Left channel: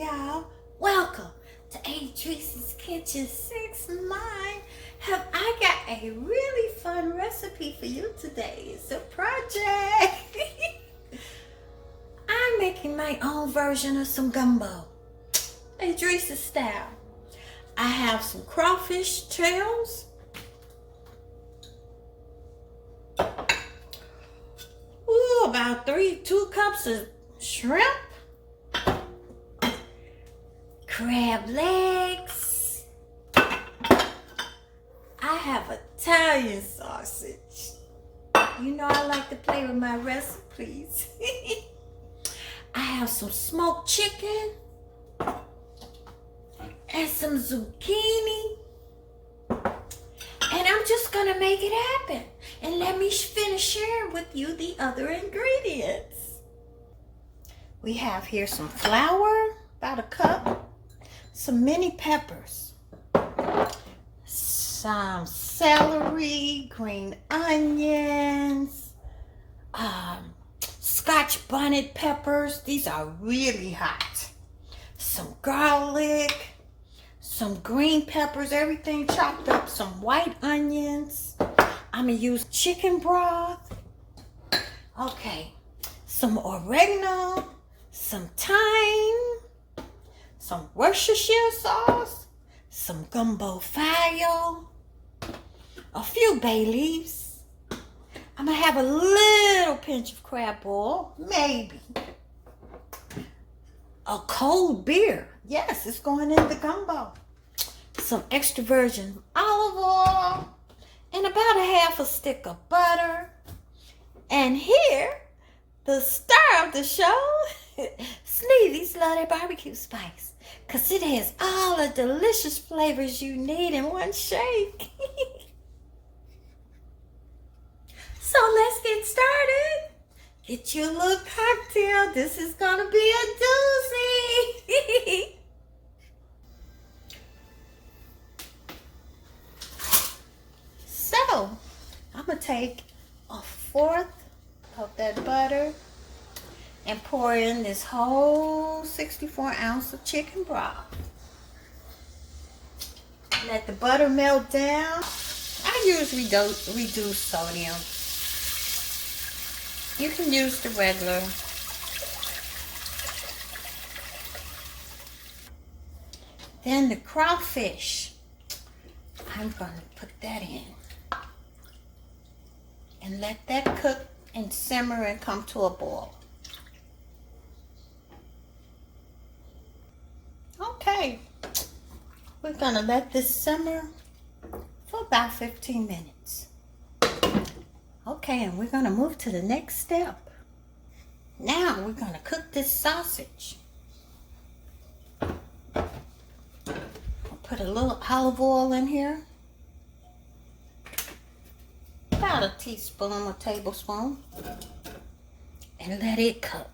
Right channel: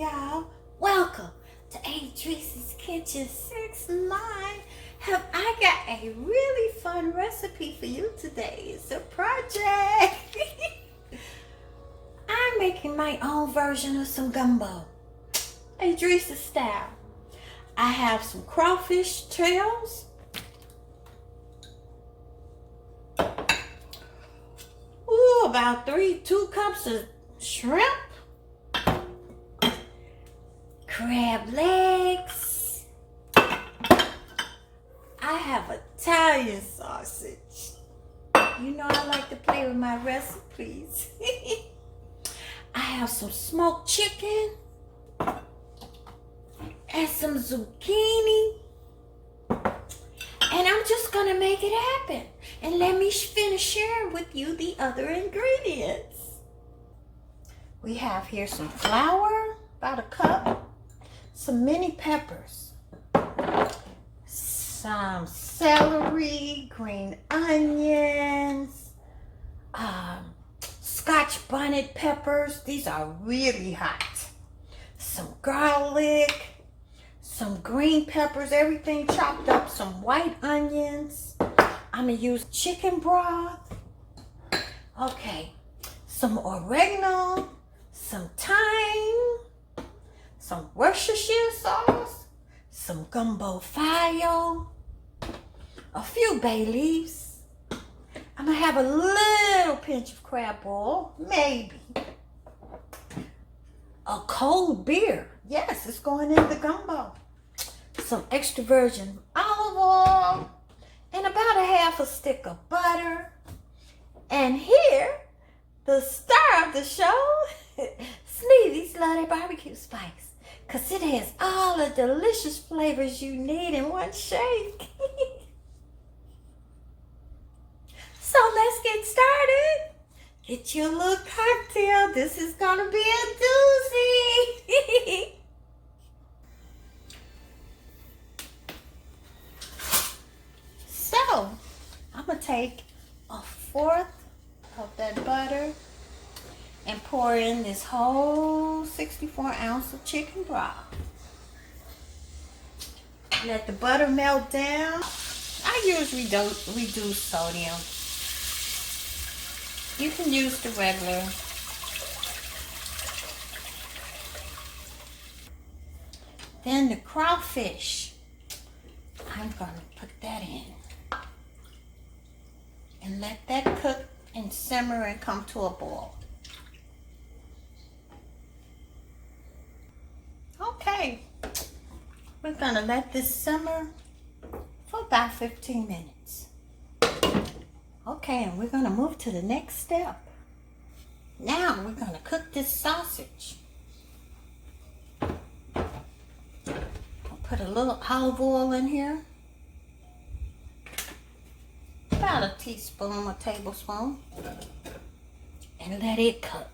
y'all. Welcome to Adrice's Kitchen 6-9. Have I got a really fun recipe for you today? It's a project. I'm making my own version of some gumbo, Adrice's style. I have some crawfish tails, about 2 cups of shrimp, crab legs. I have Italian sausage. You know I like to play with my recipes. I have some smoked chicken and some zucchini. And I'm just gonna make it happen. And let me finish sharing with you the other ingredients. We have here some flour, about a cup, some mini peppers, some celery, green onions, scotch bonnet peppers. These are really hot. Some garlic, some green peppers, everything chopped up, some white onions. I'm gonna use chicken broth. Okay, some oregano, some thyme, some Worcestershire sauce, some gumbo file, a few bay leaves. I'm gonna have a little pinch of crab oil, maybe. A cold beer. Yes, it's going in the gumbo. Some extra virgin olive oil, and about a half a stick of butter. And here, the star of the show, Sneevy's love their barbecue spice, because it has all the delicious flavors you need in one shake. So let's get started. Get your little cocktail. This is gonna be a doozy. So, I'm going to take 1/4 of that butter and pour in this whole 64 ounce of chicken broth. Let the butter melt down. I usually don't reduce sodium. You can use the regular. Then the crawfish. I'm going to put that in. And let that cook and simmer and come to a boil. Okay, we're gonna let this simmer for about 15 minutes. Okay, and we're gonna move to the next step. Now we're gonna cook this sausage. I'll put a little olive oil in here. About a teaspoon or tablespoon, and let it cook.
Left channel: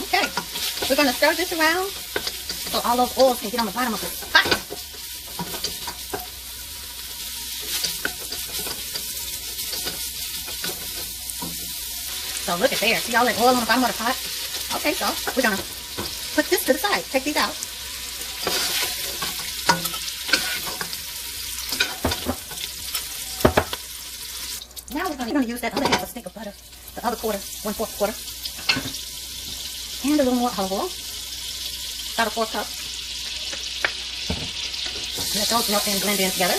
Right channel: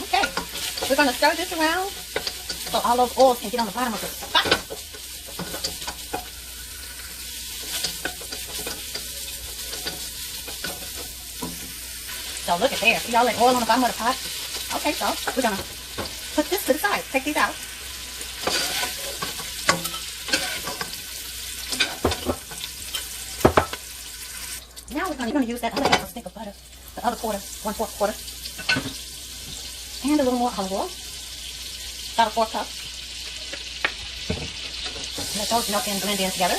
Okay, we're going to stir this around so all those oils can get on the bottom of the pot. So look at there, see all that oil on the bottom of the pot? Okay, so we're going to put this to the side, take these out. We're going to use that other half a stick of butter, the other quarter, 1/4 quarter, and a little more olive oil, about a 4 cup. Let those melt and blend in together.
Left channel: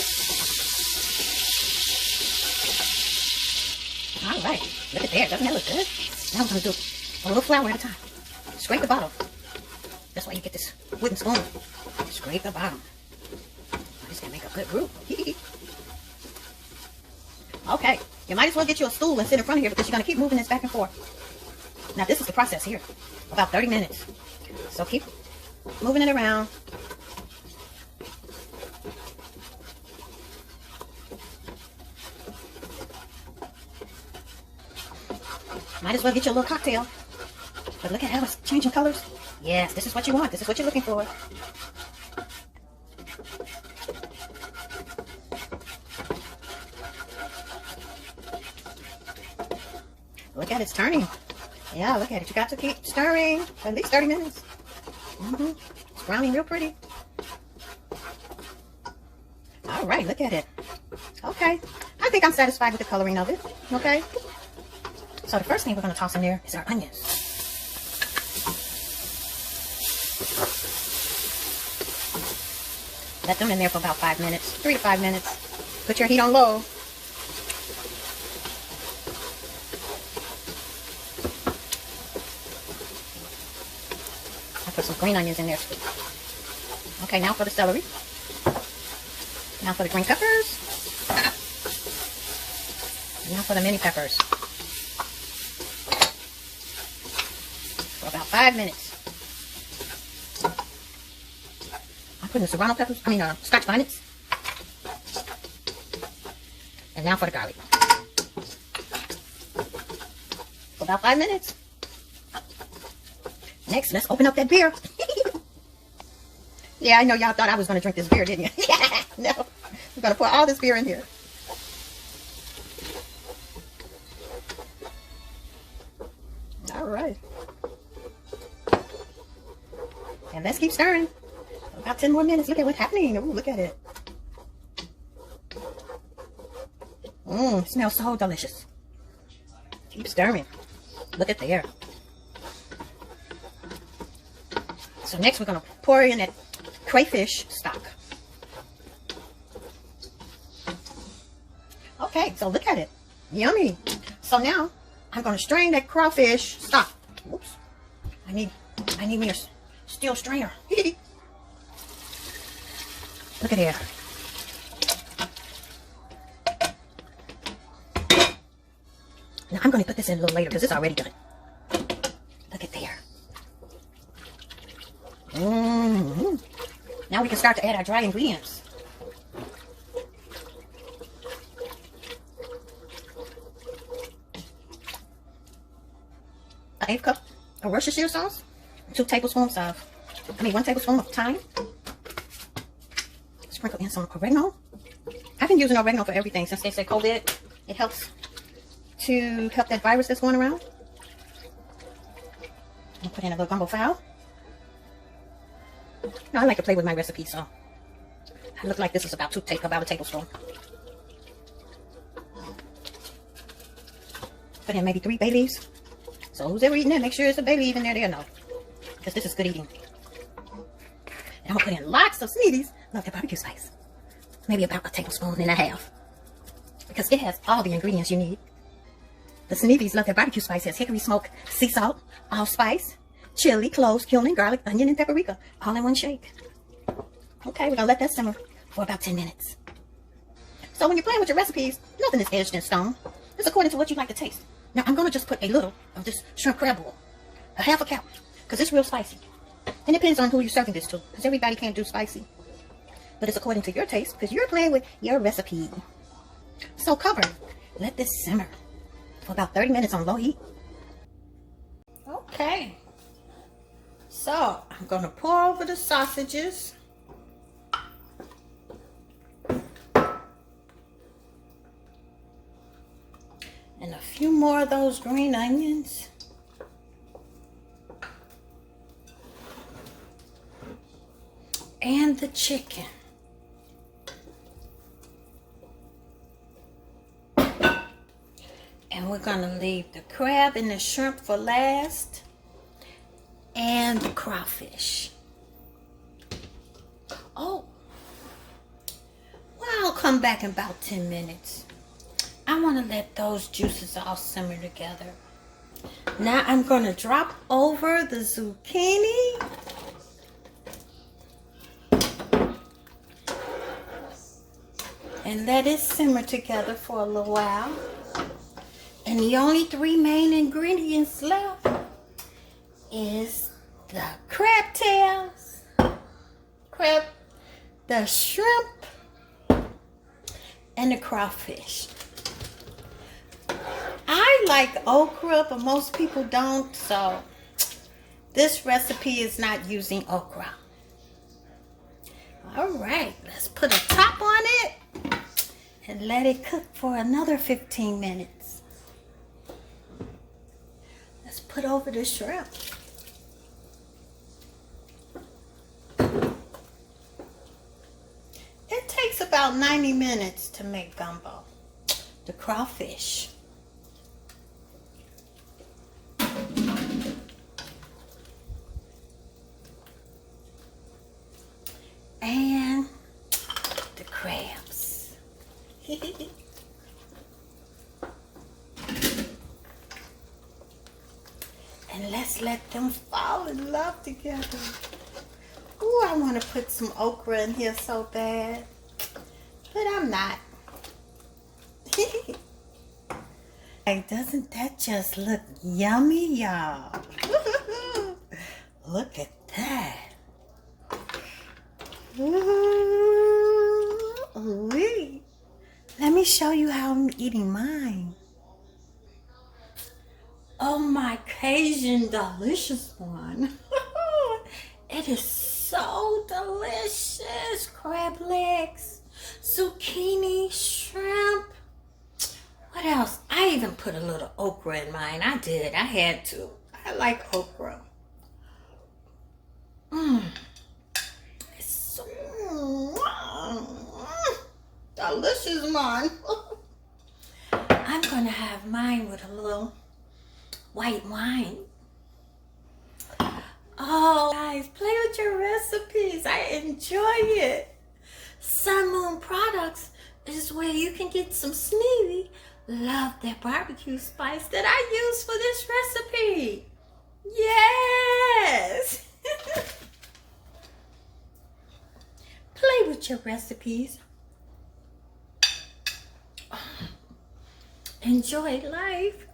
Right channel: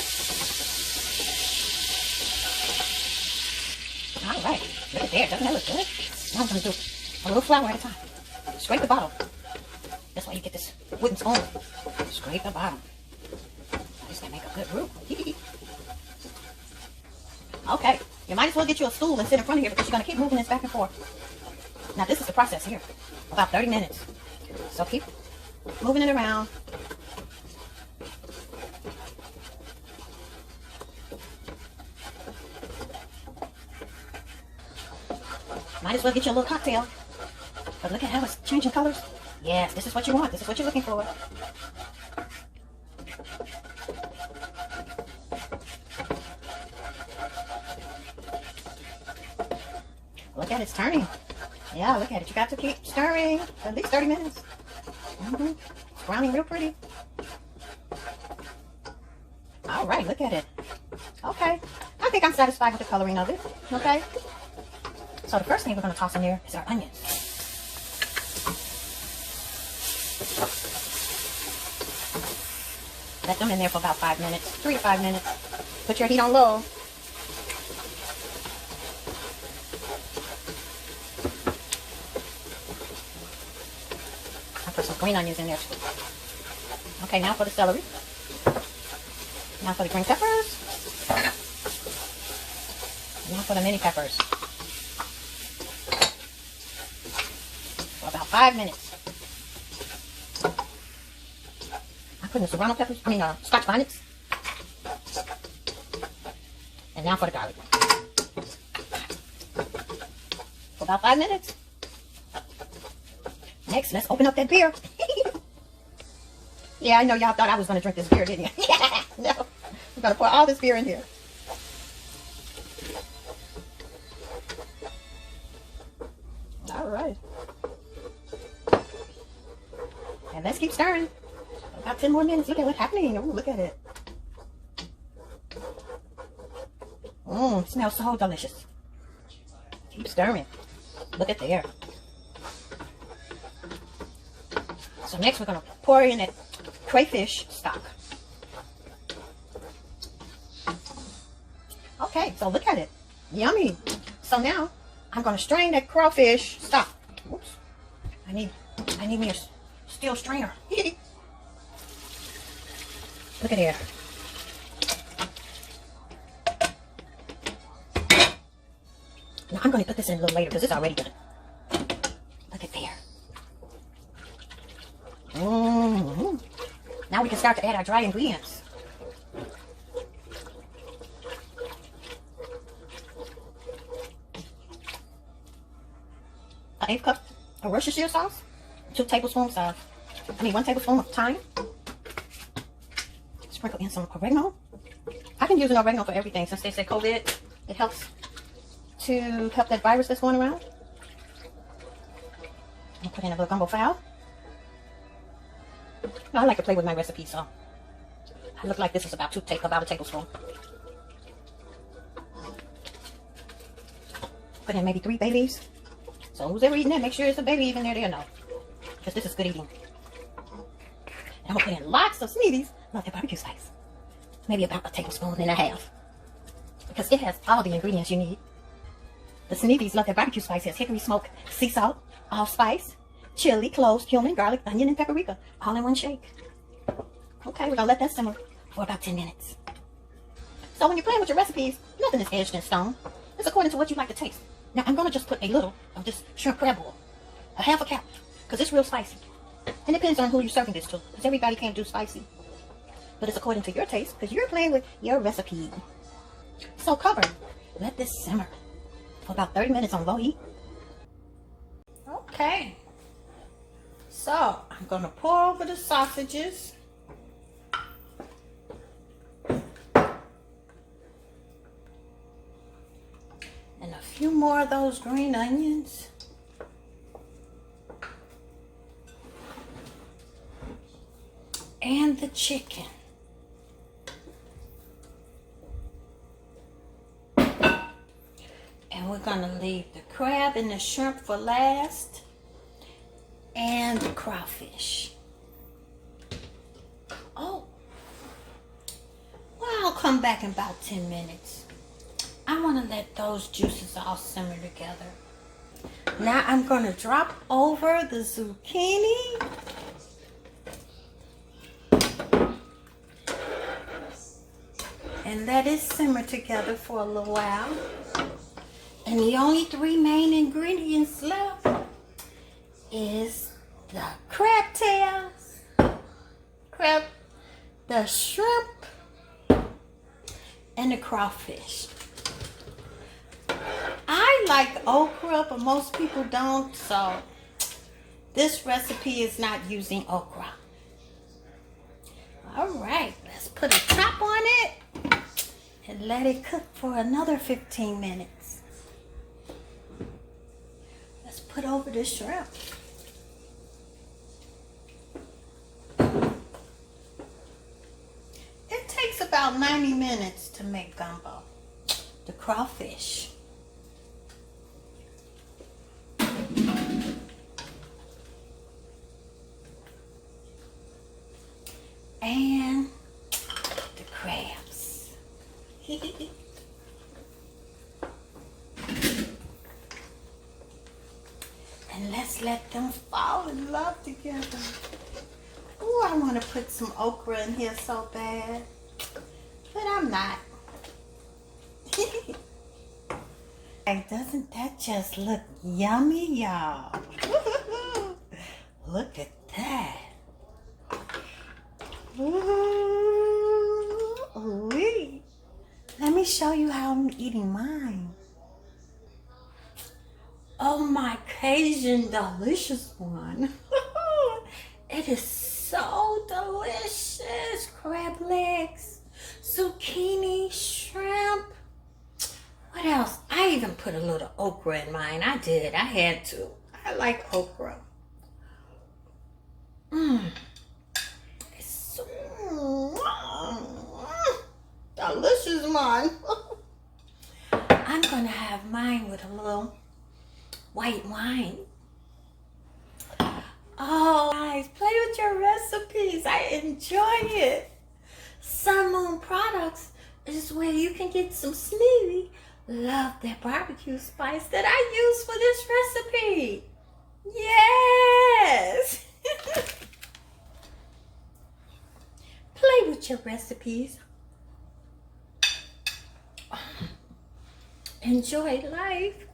All right, look at there, doesn't that look good? Now I'm going to do a little flour at a time. Scrape the bottom. That's why you get this wooden spoon. Scrape the bottom. This can make a good roux. Okay. You might as well get you a stool and sit in front of here because you're going to keep moving this back and forth. Now this is the process here. About 30 minutes. So keep moving it around. Might as well get you a little cocktail. But look at how it's changing colors. Yes, this is what you want. This is what you're looking for. Look at it, it's turning. Yeah, look at it. You got to keep stirring for at least 30 minutes. It's browning real pretty. All right, look at it. Okay. I think I'm satisfied with the coloring of it. Okay. So the first thing we're going to toss in there is our onions. Let them in there for about 5 minutes. 3 to 5 minutes. Put your heat on low. I'll put some green onions in there too. Okay, now for the celery. Now for the green peppers. Now for the mini peppers. For about 5 minutes. I put in the serrano peppers, scotch bonnets. And now for the garlic. For about 5 minutes. Next, let's open up that beer. Yeah, I know y'all thought I was going to drink this beer, didn't you? No. We're going to pour all this beer in here. All right. And let's keep stirring. About 10 more minutes. Look at what's happening. Ooh, look at it. It smells so delicious. Keep stirring. Look at there. So next we're going to pour in that crayfish stock. Okay, so look at it. Yummy. So now I'm going to strain that crawfish stock. Whoops. I need me a steel strainer. Look at here. Now I'm going to put this in a little later because it's already done. Look at there. Now we can start to add our dry ingredients. An 1/8 cup of Worcestershire sauce, 1 tablespoon of thyme. Sprinkle in some oregano. I've been using oregano for everything since they said COVID. It helps to help that virus that's going around. I'll put in a little gumbo fowl. Now, I like to play with my recipe, so it looked like this is about a tablespoon. Put in maybe 3 bay leaves. So who's ever eating that, make sure there's a bay leaf in there, they'll know. Because this is good eating. And I'm going to put in lots of Sneevy's. Love that barbecue spice. Maybe about 1.5 tablespoons. Because it has all the ingredients you need. The Sneevy's love their barbecue spice. It has hickory smoke, sea salt, allspice, chili, cloves, cumin, garlic, onion, and paprika. All in one shake. Okay, we're going to let that simmer for about 10 minutes. So when you're playing with your recipes, nothing is etched in stone. It's according to what you like to taste. Now, I'm going to just put a little of this shrimp crab boil. 1/2 cup. Because it's real spicy. And it depends on who you're serving this to. Because everybody can't do spicy. But it's according to your taste. Because you're playing with your recipe. So cover. Let this simmer for about 30 minutes on low heat. Okay. So, I'm going to pour over the sausages. And a few more of those green onions. And the chicken. And we're going to leave the crab and the shrimp for last. And the crawfish. Oh. Well, I'll come back in about 10 minutes. I want to let those juices all simmer together. Now I'm going to drop over the zucchini. And let it simmer together for a little while. And the only 3 main ingredients left is the crab tails, the shrimp, and the crawfish. I like okra, but most people don't, so this recipe is not using okra. All right, let's put a top on it and let it cook for another 15 minutes. Let's put over the shrimp. It takes about 90 minutes to make gumbo. The crawfish. And the crabs. And let's let them fall in love together. Ooh, I want to put some okra in here so bad, but I'm not. Hey, doesn't that just look yummy, y'all? Look at that. Ooh-wee. Let me show you how I'm eating mine. Oh, my Cajun delicious one. It is so delicious. Crab legs, zucchini, shrimp. What else? I even put a little okra in mine. I did. I had to. I like okra. It's so delicious, mine. I'm going to have mine with a little white wine. Oh, guys, play with your recipes. I enjoy it. Sun Moon Products is where you can get some Sneevy. Love that barbecue spice that I use for this recipe. Yes. Play with your recipes. Enjoy life.